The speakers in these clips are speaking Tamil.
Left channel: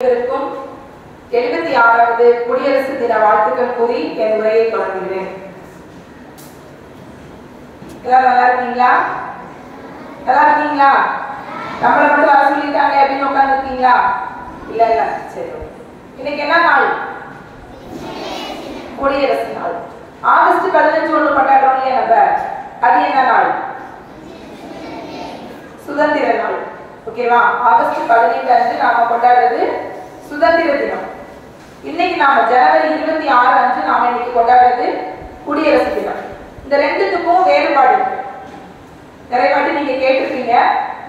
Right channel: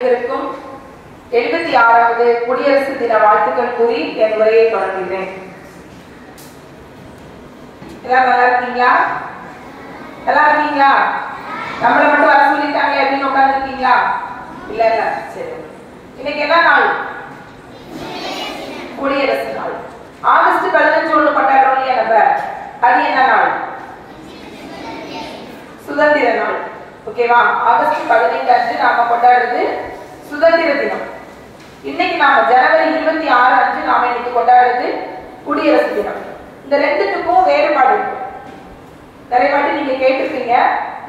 76வது குடியரசு தின வாழ்த்துக்கள் கூறி என் உரையை தொடங்குகிறேன். எல்லாரும் நல்லா இருக்கீங்களா? நல்லா இருக்கீங்களா? நம்மளை மட்டும் வர சொல்லிட்டாங்க அப்படின்னு உட்கார்ந்து இருக்கீங்களா? இல்ல இல்ல, சரி. இன்னைக்கு என்ன நாள்? குடியரசு நாள். ஆகஸ்ட் 15 ஒண்ணு கொண்டாடுறோம் இல்லையா நம்ம? அது என்ன நாள்? சுதந்திர நாள். ஓகேவா? ஆகஸ்ட் 15 அன்று நாம கொண்டாடுறது சுதந்திர தினம். இன்னைக்கு நாம ஜனவரி 26 அன்று நாம இன்னைக்கு கொண்டாடுறது குடியரசு தினம். இந்த ரெண்டுத்துக்கும் வேறுபாடு இருக்கு. நிறைய வாட்டி நீங்க கேட்டிருக்கீங்க.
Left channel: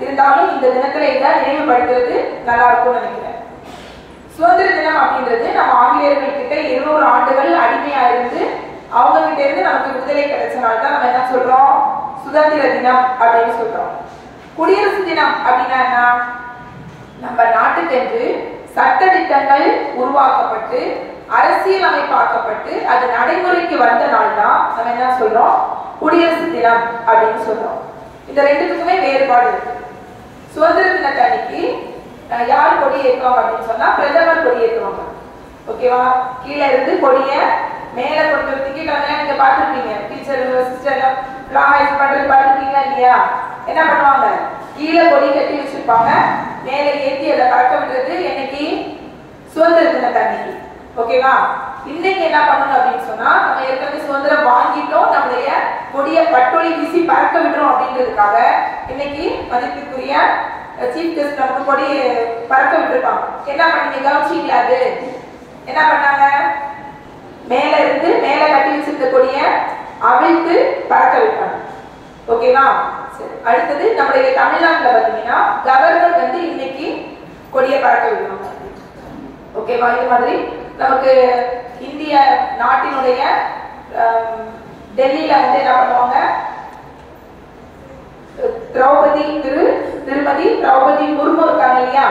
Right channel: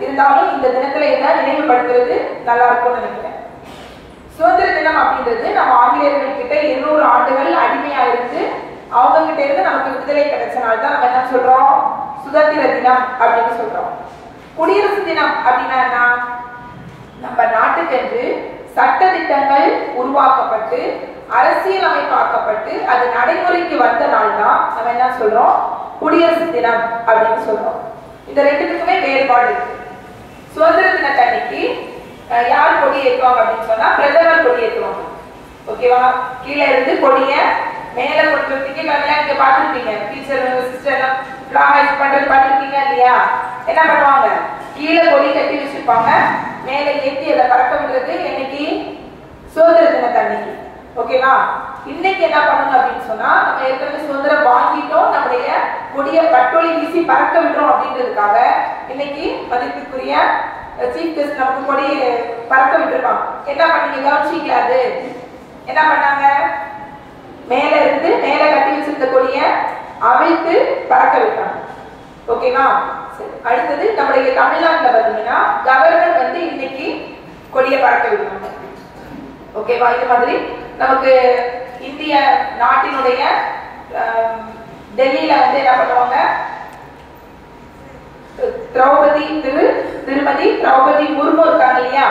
இருந்தாலும் இந்த தினத்துல இதை நினைவுபடுத்துறது நல்லா இருக்கும்னு நினைக்கிறேன். சுதந்திர தினம் அப்படின்றது நம்ம ஆங்கிலேயர்கள் கிட்ட 200 ஆண்டுகள் அடிமையா இருந்து அவங்க கிட்ட இருந்து நமக்கு விடுதலை கிடைச்சனால தான் நம்ம என்ன சொல்றோம்? சுதந்திர தினம் அப்படின்னு சொல்றோம். குடியரசு தினம் அப்படின்னா என்ன? நம்ம நாட்டுக்கென்று சட்ட திட்டங்கள் உருவாக்கப்பட்டு அரசியலமைப்பாக்கப்பட்டு அது நடைமுறைக்கு வந்த நாள் தான் நம்ம என்ன சொல்றோம்? குடியரசு தினம் அப்படின்னு சொல்றோம். இந்த ரெண்டுத்துக்குமே வேறுபாடு இருக்கு. சுதந்திர தினத்தன்னைக்கு யார் கொடி ஏற்றுவாங்க அப்படின்னு சொன்னா பிரதமர் கொடி ஏற்றுவாங்க. ஓகேவா? கீழே இருந்து கொடிய மேல கொஞ்சம் திக்கிட்டாங்க. நீங்க பாத்துருப்பீங்க, டீச்சர் சிஸ்டர் எல்லாம் பண்றது பாத்துருக்கீங்க இல்லையா? என்ன பண்ணுவாங்க? கீழே கொடி கட்டி வச்சிருப்பாங்க, மேல ஏற்றி அதை பறக்க விடுறது என்னைக்கு? சுதந்திர தினத்தன்னைக்கு. ஓகேவா? இன்னைக்கு என்ன பண்ணணும் அப்படின்னு சொன்னா நம்ம ஏற்கனவே சுதந்திரம் வாங்கிட்டோம், நம்மளுடைய கொடிய பட்டொலி வீசி பறக்க விடுறோம் அப்படின்றதுக்காக இன்னைக்கு மதிப்புக்குரிய சீஃப் கெஸ்ட் நமக்கு கொடி பறக்க விட்டுருப்பாங்க. என்ன பண்ணீங்க? கவனிச்சீங்களா? அது என்ன பண்ணாங்க? மேல இருந்து மேல கட்டி வச்சிருந்த கொடிய அவிழ்த்து பறக்க விட்டாங்க. ஓகேவா? அடுத்தது நம்முடைய தமிழ்நாட்டுல பாத்தீங்கன்னா கவர்னர் வந்து இன்னைக்கு கொடியை பறக்க விடுவாங்க. ஓகேவா? இது மாதிரி நமக்கு இந்திய நாட்டினுடைய டெல்லியில வந்து என்ன பண்ணுவாங்க? திருமதி திரௌபதி முர்மு இருக்காங்க இல்லையா?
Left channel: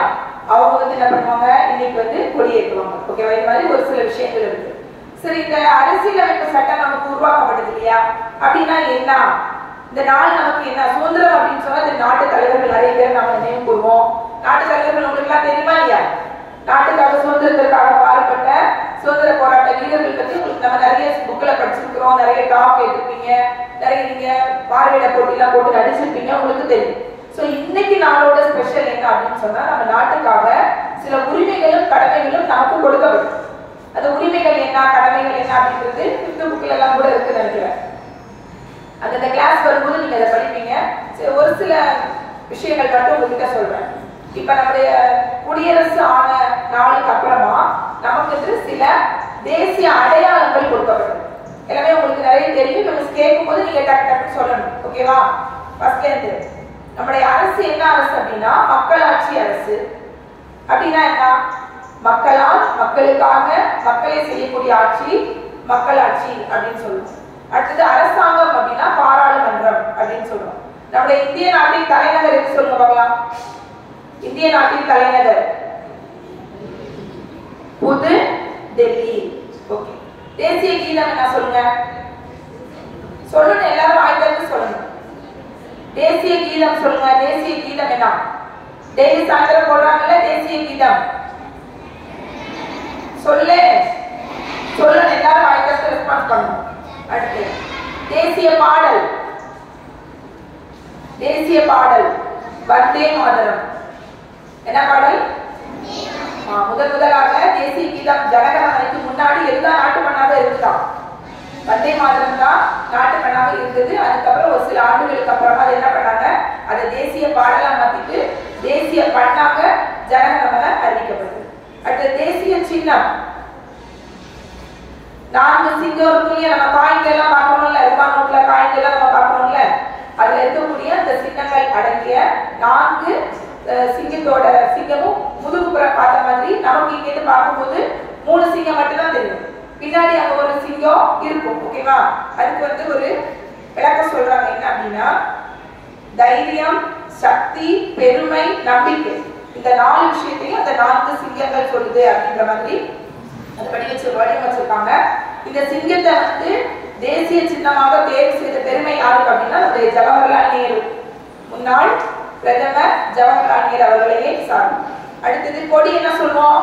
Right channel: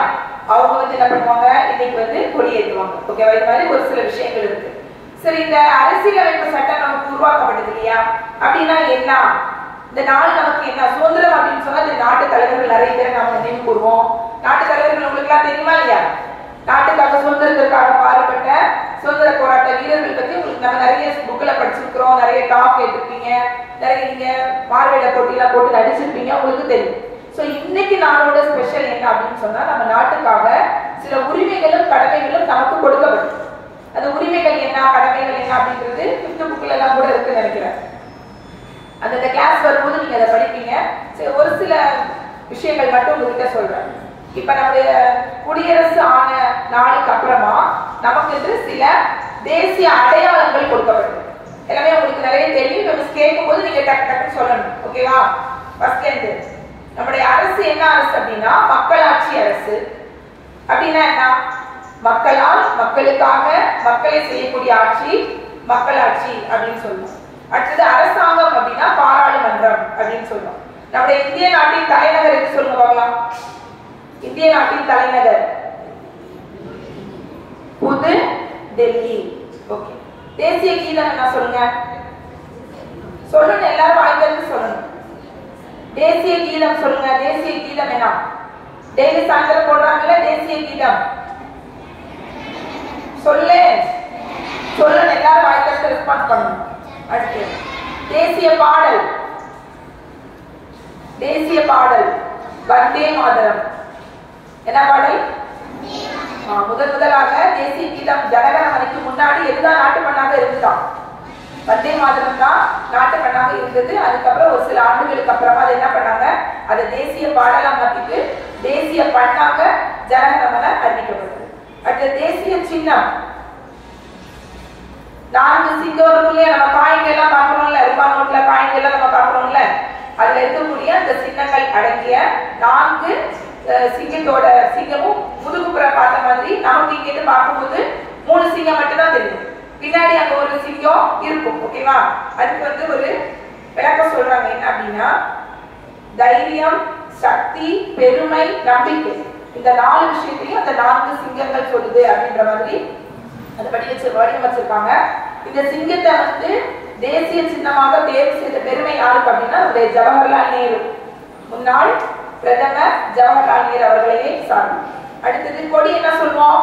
அவங்க வந்து என்ன பண்ணுவாங்க? இன்னைக்கு வந்து கொடியேற்றுவாங்க. ஓகேவா? இது மாதிரி ஒரு சில விஷயங்கள் இருக்கு. சரி, இந்த அரசியலமைப்பு சட்டம் நமக்கு உருவாக்கப்பட்டது இல்லையா? அப்படின்னா என்ன? இந்த நாள் நமக்கு என்ன? சுதந்திரம் அப்படின்னு சொன்னா இந்த நாட்டு தலைவர்கள் நிறைய பேர் நாம நினைவு கூறுவோம். நாட்டு தலைவர்கள் உங்களுக்கு எல்லாம் தெரியுமா இல்லையா? நாட்டுக்காக சுதந்திரத்திற்காக பாடுபட்ட சுதந்திர போராட்ட வீரர்கள் பத்தி உங்களுக்கு நம்ம நிறைய புக்ல படிச்சிருக்கிறோம், நிறைய டாக் கேட்டிருப்பீங்க, நிறைய நீங்க பார்வையிட போட்டியெல்லாம் போட்டு நடிச்சிருப்பீங்க, உங்களுக்கு தெரியும். சோ இன்னைக்கு நாளோட ஸ்பெஷல் என்ன அப்படின்னு சொன்னா நம்ம நாட்டுக்காக சில உரிமைகளும் கடமைகளும் நமக்கு கொடுக்கப்படும். அந்த உரிமைகள் என்ன, கடமைகள் என்ன அப்படின்றது 5th புக்ல எல்லாம் கூட இருக்கு நினைக்கிறேன். அந்த கிளாஸ் வரும்போது நீங்க அதை படிப்பீங்க. ஒரு சில விஷயங்கள் மட்டும் உங்ககிட்ட சொல்றேன். இப்ப நம்முடைய குடியரசு ஆன நாளுக்கு அப்புறமா நமக்கு சில தேசிய அடையாளங்கள் கொடுக்கப்படும். எல்லாமே உங்களுக்கு நிறைய தெரியும். நம்ம கேட்கும் போது நீங்க டக்கு டக்கு சொல்லணும். ஓகேவா? ஃபர்ஸ்ட் நம்முடைய அரசு என்ன அரசு அப்படின்னா மக்களாட்சி அரசு. அப்படின்னா என்ன? மக்களால் மக்களுக்காக மக்களை செய்யக்கூடிய ஆட்சி மக்களாட்சி அப்படின்னு சொல்லுவோம். அடுத்தது அரசாங்கம் அப்படின்னா பாராளுமன்றம் அப்படின்னு சொல்றோம். நம்முடைய இந்திய நாட்டின் தலைநகர் எது சொல்லுங்க பார்க்கலாம்? இந்திய நாட்டின் தலைநகர் புது டெல்லி. ஓகே. தேசிய கீதம் என்ன சொல்லுங்க? சொல்லணும், எல்லாரும் வாய்ப்பு சொல்லணும். தேசிய கீதம் சொல்லுங்க. தேசிய கீதம் என்ன? டெய்லி சாயந்தரம் போடுறாங்கல்ல தேசிய கீதம். சொல்லு சொல்லணும், எல்லாரும் வாய்ப்பு ரெஸ்பான்ஸ் பண்ணணும். அடுத்து தேசிய பாடல். தேசிய பாடல் வந்தே மாதரம். என்ன பாடல்? முதலாக தேசிய கீதம் ஜனகணமனைக்கு முன்னாடி எதுதான் நாட்டு பண்ணாக இருந்துதான்? வந்தே மாதரம் தான் நாட்டு பண்ணாக இருந்தது. அதுக்கப்புறம் ஒரு சில ஆண்டுகளுக்கு அப்புறமா அது என்ன பண்ணாங்க? அதை தேசிய பாடலா மாத்திட்டு தேசிய பண்ணாக ஜனகணமன அறிவிக்கப்பட்டது. அடுத்து தேசிய சின்னம். 4 சிங்கம் இருக்குல்லையா? நம்ம காயின்கள் எல்லாம் பார்க்கணும்ல, ரூபாய் நோட்ல காயின்கள் எல்லாம் நம்ம பார்க்கணும்ல, அதுல இருக்கக்கூடிய அந்த சின்னங்கள் அடங்கிய 4 சிங்கத்தோட சிங்கமும் முதுகுப்புறம் பார்த்த மாதிரி நமக்கு இங்க இருந்து பார்க்கும்போது 3 சிங்கம் மட்டும் தான் தெரியும். பின்னாடி அங்க ஒரு சிங்கம் இருக்கும். ஓகேவா? அதுக்கு வந்து ஒரு விளக்கம் சொல்றாங்க. என்ன அப்படின்னா தைரியம், சக்தி, பெருமை, நம்பிக்கை, இந்த 4 விஷயத்தையும் அந்த 4 சிங்கங்கள் சொல்லுது அப்படின்ற மாதிரி அது படி வச்சிருக்காங்க. இந்த சிங்கத்தை வந்து தேசிய சின்னமாக தேர்வு செய்த பெருமை யாருக்கு அப்படின்னா ஜவஹர்லால் நேரு, முன்னாள் பிரதமர் ஜவஹர்லால் நேரு அவர்களையே சாரும். அடுத்தது கொடி என்ன சொல்லுவோம்?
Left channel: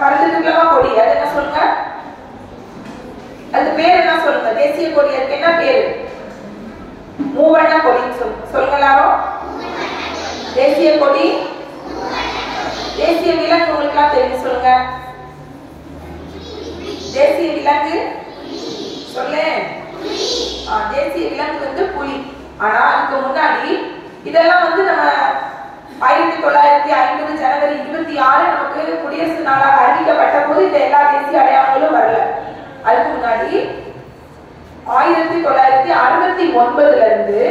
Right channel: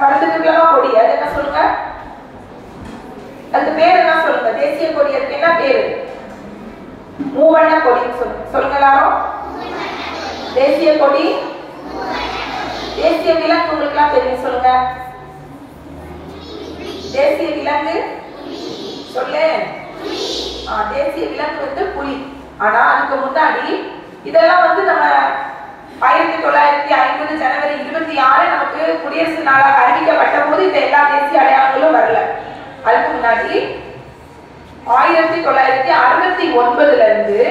பறந்துட்டுலமா கொடி, அது என்ன சொல்லுங்க? அது பேர் என்ன சொல்லுங்க? தேசிய கொடி, அதுக்கு என்ன பேரு? மூவண்ண கொடின்னு சொல்லுங்க. சொல்லுங்க எல்லாரும். தேசிய கொடி. தேசிய விலங்கு உங்களுக்கு தெரியும், சொல்லுங்க. தேசிய விலங்கு சொல்லு. தேசிய விலங்கு வந்து புலி. ஆனா அதுக்கு முன்னாடி இதெல்லாம் வந்து நம்ம 1950 ஜனவரி 26 நமக்கு குடியரசு நாளாக அறிவிக்கப்பட்ட போது இந்த எல்லா தேசிய அடையாளங்களும் வரல. அதுக்கு முன்னாடி 1969ல இருந்து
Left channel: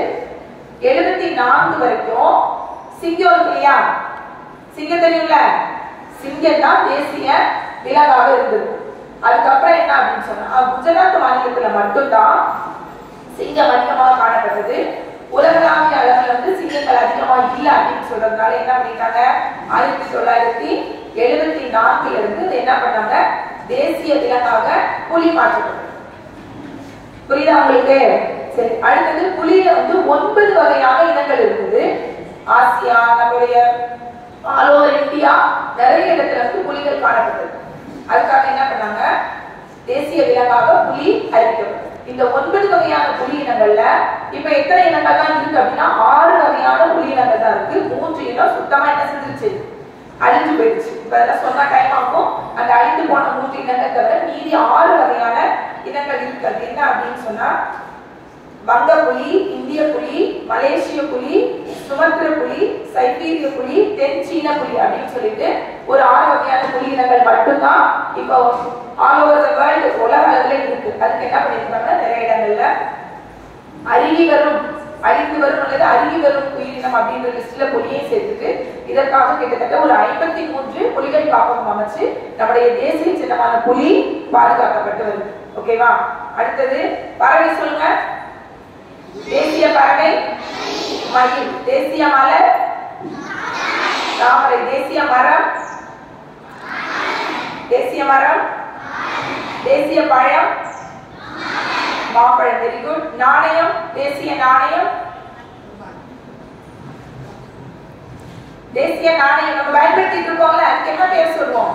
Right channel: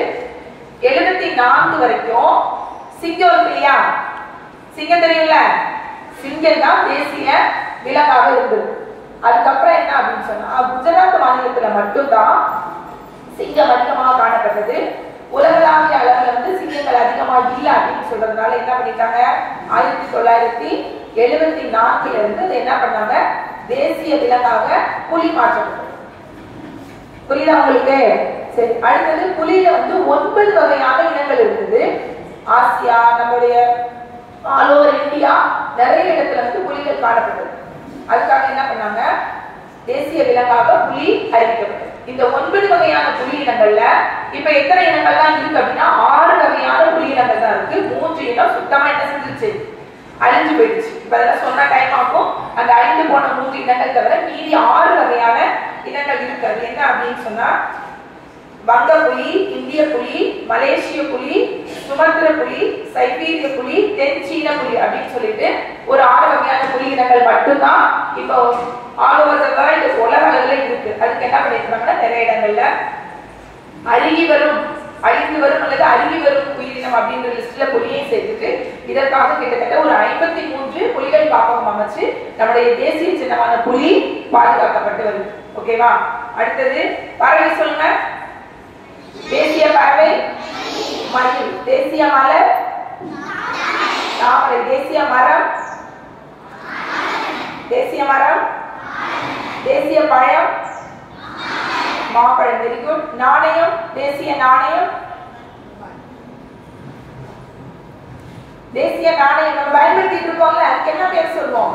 74 வரைக்கும் சிங்கம் இருக்கு இல்லையா? சிங்கம் தெரியும்ல? சிங்கம் தான் தேசிய விலங்காக இருந்தது. அதுக்கப்புறம் என்ன அப்படின்னு சொன்னா குஜராத் மாநிலத்துல மட்டும்தான் சிங்கம் அதிகமாக காணப்பட்டது. உலகளாவிய அளவுல வந்து சிங்கங்கள் அதிகமா இல்ல அப்படின்னு சொல்றதுனால என்ன பண்ணிட்டாங்க, 1974ல இருந்து என்ன பண்ணாங்க, தேசிய விலங்காக புலி மாற்றப்பட்டது. புரியுதா உங்களுக்கு? சரி, அடுத்தது புலியில வந்து 9 வகையான இனங்கள் இருக்குது. ஆசியா, நம்மளுடைய ஆல் ஓவர் இந்தியா நிறைய இடத்துல வந்து புலிகள் காணப்பட்டது. அதுக்காக என்ன பண்ணாங்க, தேசிய விலங்காக புலி அறிவிக்கப்பட்டது. இந்த 9 வகையான புலி இனங்கள்ல இப்ப எத்தனை இனங்கள்லாம் இருக்கு அப்படின்னா 6 வகையான புலி இனங்கள் தான் இருக்கு. 3 இனம் சுத்தமா என்ன செஞ்சிருச்சு, அழிஞ்சு போயிடுச்சு. இப்ப அதெல்லாம் சொன்ன டைம் ஆகும். அந்த அழிந்து போன 3 இனங்கள் தவிர மீதி 6 வகையான இனங்கள் இருக்கு. அது என்ன அப்படின்னு சொன்னா வங்க புலி, இந்திய புலி, மலேசிய புலி, சுமத்திர புலி, சைபீரிய புலி, தென் சீன புலி அப்படின்னு சொல்லிட்டு ஒரு 6 வகையான புலி இனங்கள் மட்டும்தான் இப்போ ஆல் ஓவர் தி வேர்ல்ட் உலக அளவுல இருக்கு. அதுக்கு என்ன பண்ணிருக்காங்கன்னா நிறைய இடங்கள்ல அழிந்து வரும் அல்லது அருகி வரும் உயிரினம் அப்படின்ற லிஸ்ட்ல புலியை சேர்த்துட்டு இதற்காக கிட்டத்தட்ட ஒரு 53 புலிகள் காப்பகம் அமைச்சு நம்முடைய தேசிய சின்னமான புலி பாதுகாக்கப்பட்டு வருது. ஓகேவா? அடுத்தது பறவை சொல்லுங்க. தேசிய பறவை மயில். தேசிய மலர் தாமரை. தேசிய மரம் தேசிய பழம் மாம்பழம். Very good. நாணயம். தேசிய நாணயம் நம்ம பயன்படுத்திட்டு இருக்கோம்ல, அதுக்கு என்ன பேர் சொல்லுவோம்?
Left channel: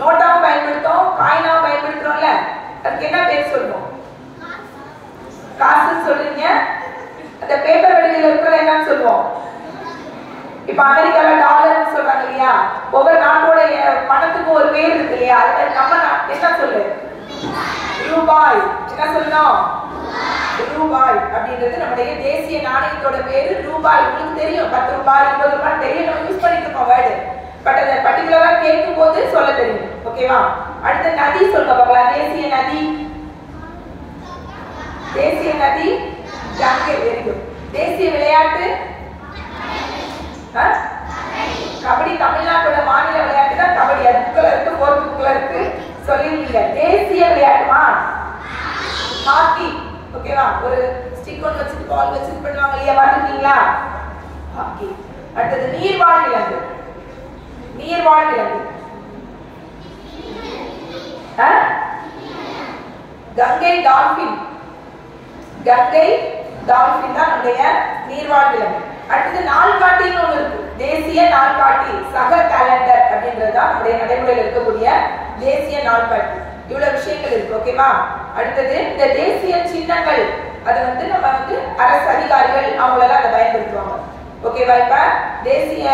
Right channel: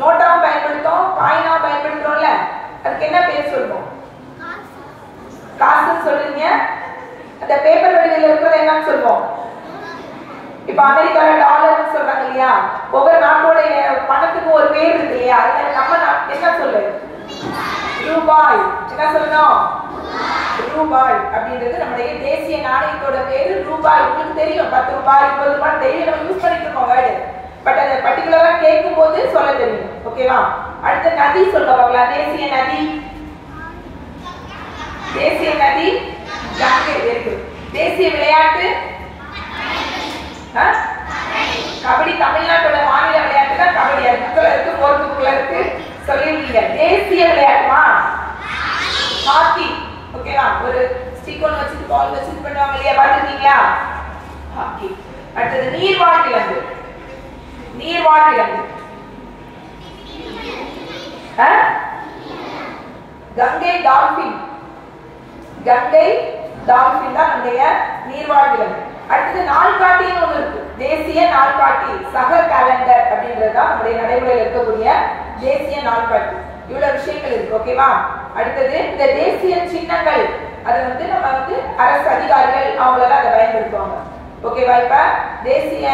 நோட்டாக பயன்படுத்தோம், காயினாக பயன்படுத்துறோம்ல, அதுக்கு என்ன பேர் சொல்லுவோம்? காசு சொல்றீங்க. அந்த பேப்பர் வடிவில் இருக்கிறது என்னன்னு சொல்லுவோம்? இப்ப அமெரிக்கால டாலர்னு சொல்றாங்க இல்லையா? ஒவ்வொரு நாட்டோட பணத்துக்கும் ஒரு பேர் இருக்கு இல்லையா? அதுல நம்ம என்ன சொல்லு? ரூபாய். என்ன சொல்லணும்? ரூபாய் அப்படின்றது நம்முடைய தேசிய நாணயத்தோட பேரு ரூபாய். உங்களுக்கு தெரியும் 10 ரூபாய் 20 ரூபாய் தெரியும், நம்ம யூஸ் பண்ணிட்டு இருக்கோம் வேர்டு. பட் அதை பர்டிகுலரா கேட்கும் போது சொல்ல தெரியும். ஓகேவா? அடுத்த நதி சொல்ல பார்க்கலாம். தேசிய நதி கங்கை. Very good. தேசிய விளையாட்டு கபடி. தமிழ்நாட்டோட மாநில விளையாட்டு தான் கபடி. அது புக்ல இருக்கு, போர்த்து புக்ல இருக்கு, சொல்லிருக்கீங்க. தேசிய விளையாட்டுமா ஹாக்கி. ஓகேவா? ஒரு ஸ்டிக் ஒன்று வச்சுட்டு பால் வச்சுட்டு பண்ணுவாங்க இல்லையா, பாத்துருக்கீங்களா? ஹாக்கி. அடுத்தது நீர்வாழ் விலங்கு. கங்கை டால்பின் தான் நம்முடைய நீர்வாழ் விலங்கு. அடுத்தது நாள்காட்டின்னு ஒண்ணு இருக்கு. தேசிய நாள்காட்டி. சக கேலண்டர் அப்படின்றதுதான் நம்முடைய நடைமுறையில் இருக்கக்கூடிய தேசிய நாள்காட்டி. இவ்வளவு விஷயங்கள் இருக்கு. ஓகேவா? அடுத்தது இந்த தேசிய சின்னங்கள், அது வந்து நம்ம வந்து அரசு அதிகாரிகள் அவங்களெல்லாம் அதை பயன்படுத்துவாங்க. ஓகேவா? இப்ப தேசிய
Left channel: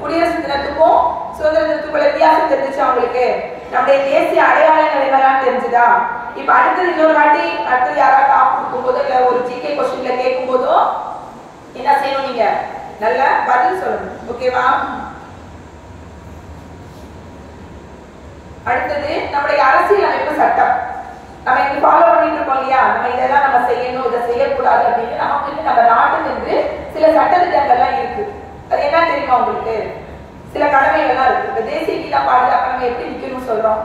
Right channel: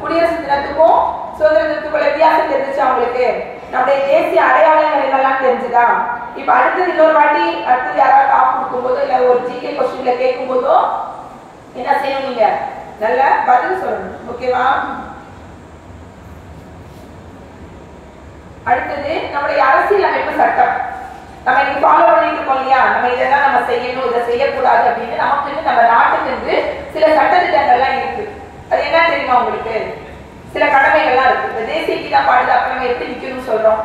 குடியரசு தினத்துக்கும் சுதந்திர தினத்துக்குள்ள வித்தியாசம் தெரிஞ்சுச்சு அவங்களுக்கு? நம்முடைய தேசிய அடையாளங்கள் என்னெல்லாம் தெரிஞ்சுதா? இப்ப அடுத்தது இன்னொரு வாட்டி அடுத்தது யாராவது டாப் கொடுக்கும் போதோ இல்ல ஒரு ஜிகே கொஸ்டின்ல கேட்கும் போதோ என்ன செய்யணும், நீங்க நல்ல பதில் சொல்லணும். ஓகேவா? அடுத்தது நம்முடைய அரசியல் அமைப்பு சட்டம். நம்ம இன்னைக்கு ஃபாலோ பண்ணிட்டு இருக்கோம் இல்லையா? நம்ம இதெல்லாம் நம்ம செய்யணும், இதை செய்யக்கூடாது அப்படின்னு நமக்கு நம்ம நாட்டுக்கு சில சட்டத்திட்டங்கள்லாம் இருக்கு. அது என்ன தெரியுமா உங்களுக்கு? சில கடமைகள்லாம் இருக்கு. இப்ப தேசிய கீதா பாடுது, அப்ப நம்ம எப்படி நிக்கணும்னு சொல்றோம்?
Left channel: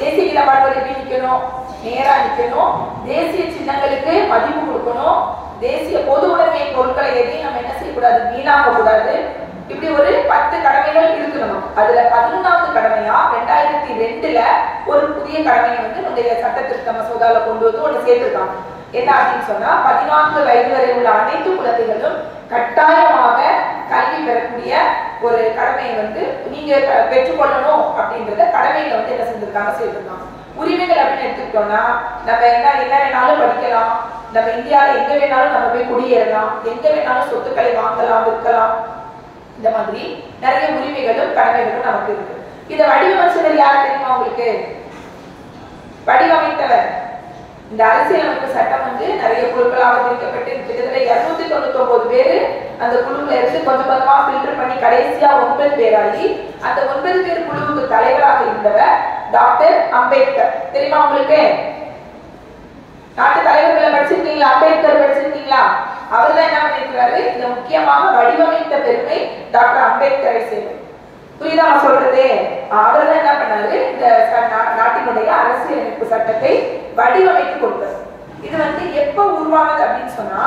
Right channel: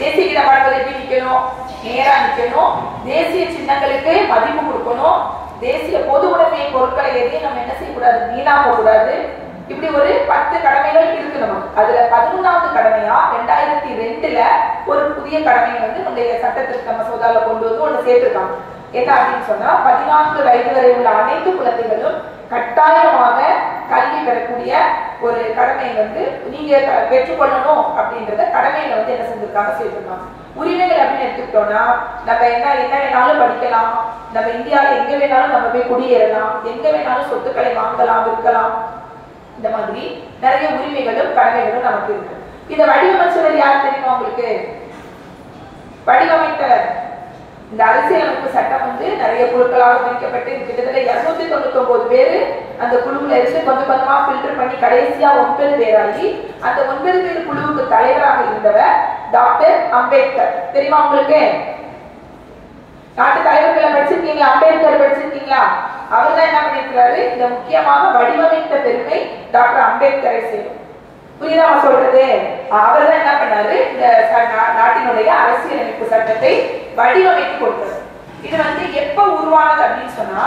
தேசிய கீதா பாடுவது எப்படி நிக்கணும்? நேரா நிக்கணும். தேசிய சின்னங்களுக்கு மதிப்பு கொடுக்கணும். தேசிய பொது உடைமை பொருட்களை எதையும் நம்ம என்ன செய்யக்கூடாது, வீணாக்க கூடாது. இப்படி ஒரு 10 கடமைகள் இருக்கு நமக்கு. அதுல 11வது கடமையா 2002ல ஒரு புதிய கடமையை வந்து நம்முடைய சட்டத்திருத்த மசோதால கொண்டு வந்து ஒன்று சேர்த்திருக்காங்க. என்ன அப்படின்னு சொன்னா 14 வயது வரை உள்ள அனைத்து குழந்தைகளும் கட்டாயமாக கல்வி பெறக்கூடிய ஒரு கடமையை வந்து நீங்க பெற்றுக்கொள்ளணும் அப்படின்றத கடமைகளை வந்து என்ன செஞ்சிருக்காங்க செய்திருக்காங்க. உரிமைகள் அப்படின்னு எடுத்துக்கிட்டோம்னா நம்ம என்ன வேணாலும் படிக்கலாம், நம்ம இந்தியாவில எங்க வேணாலும் நம்ம போய் குடியேறலாம், எங்க வேணாலும் சொத்துக்களை வாங்கலாம் விற்கலாம், இந்த மாதிரி நிறைய உரிமைகளும் கடமைகளும் நமக்கு இருக்கு. இதை வடிவமைச்சவர் யார் தெரியுமா உங்களுக்கு? வடிவமைத்தவர் இந்த அரசியலமைப்பு சட்டம் வந்து நிறைய குழுக்களாக பிரிக்கப்பட்டு கிட்டத்தட்ட 299 பேரு அந்த குழுவுல இருந்து கொஞ்சம் கொஞ்சமா ஃபில்டர் பண்ணி கடைசியா 9 பேராகி அந்த 9 பேர் குழுவுக்கு தலைவராக இருந்தவர் டாக்டர் அம்பேத்கர். தெரியுமா உங்களுக்கு? நாட்டு தலைவர்களை படிச்சிருக்கீங்களா? அம்பேத்கர் படிச்சிருக்கீங்களா? அவர் தான் என்ன பண்ணிருக்கிறாரு, இந்த முக்கியமாக வடிவமைத்த பெருமை டாக்டர் அம்பேத்கரை சேரும். புரியுதா சொல்றது? அவர் தான் என்ன பண்ணாரு, இந்த நாட்டினுடைய அரசியலமைப்பு சட்டத்தை வடிவமைத்து கொடுத்தார். இது வந்து எப்ப உருவானது அப்படின்னு சொன்னா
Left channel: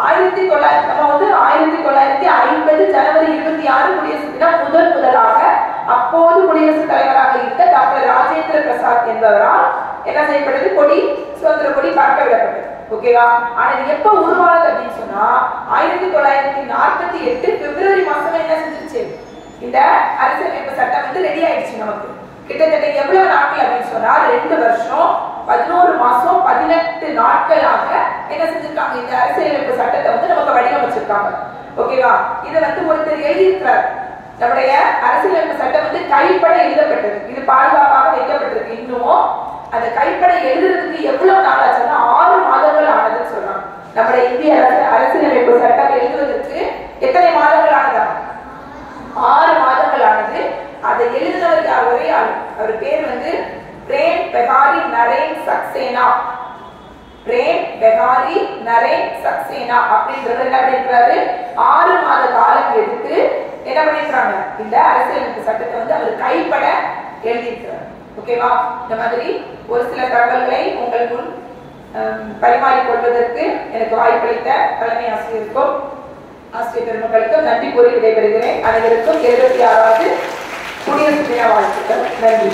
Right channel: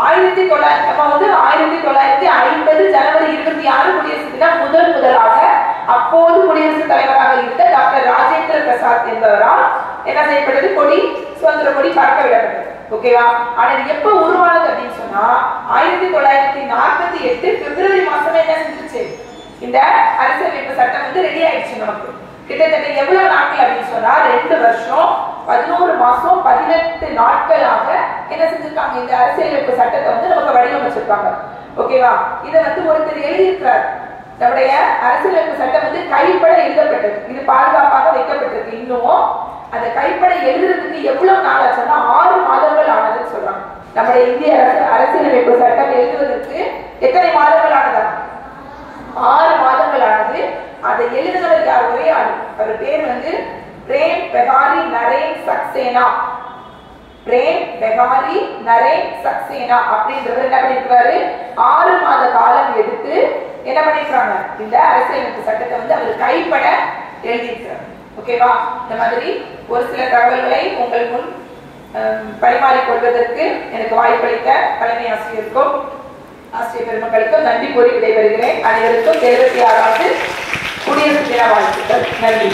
1950 ஜனவரி 26 குடியரசு தினம் முதலாக அப்போது குடியரசுத் தலைவராக இருந்த டாக்டர் ராஜேந்திர பிரசாத் என்பவரால் என்ன செய்யப்பட்டது, கொடி சுதந்திர கொடி பறக்க விடப்பட்டது. ஓகேவா? ஆனா இது எப்ப உருவானது அப்படின்னு சொன்னா 1948 பிப்ரவரி மாசமே என்ன செஞ்சிருச்சு, இந்த அரசியலமைப்பு சட்டம் வந்து ரெடி ஆயிடுச்சு. நமக்கு கிட்டத்தட்ட எவ்வளவு நாட்கள் அப்படின்னு சொன்னா 2 வருஷம் 11 மாசம் 18 நாட்களாக என்ன செஞ்சிருக்காங்க, இந்த அரசியலமைப்பு சட்டத்தை வந்து நமக்கு வடிவமைச்சிருக்காங்க. ஓகேவா? இதை வந்து ஒருத்தர் எழுதியிருக்கிறார். நம்முடைய அரசியலமைப்பு சட்டம் வந்து கைப்பட எழுதப்பட்டது, இது பாதுகாப்பாக வைக்கப்பட்டிருக்கு. இன்னமும் அந்த கைப்பட எழுதுறதுக்கு எவ்வளவு நாள் ஆச்சுன்னா 6 மாதங்கள் ஆனதுன்னு சொல்றாங்க. நம்முடைய இந்திய அரசியலமைப்பு சட்டம் எழுதுவதற்கு எத்தனை மாதங்கள் ஆனதா? 6 மாதங்கள் ஆனது. அதை எழுதினவர் யார்? ஒரே ஆளு. அவர் பேர் வந்து பிரேம் பெகாரி நரேன் சக்சேனா. பிரேம் பெகாரி நரேன் சக்சேனா அப்படின்றவர் என்ன பண்ணிருக்காரு, 6 மாத காலம் எடுத்து என்ன பண்ணிருக்காங்க, இந்த அரசியலமைப்பு சட்டத்தை வந்து அவர் கைப்பட எழுதியிருக்கிறார். ஓகேவா? இந்த மாதிரி ஒரு சில தகவல்களை உங்கள் முன் பரிமாறிக்கொள்வதற்கு எனக்கு வாய்ப்பளித்த தலைமை ஆசிரியருக்கும் ஆசிரியர் பெருமக்களுக்கும் நன்றி கூறி விடைபெறுகிறேன். அனைவருக்கும் 76வது குடியரசு தின வாழ்த்துக்கள். நன்றி.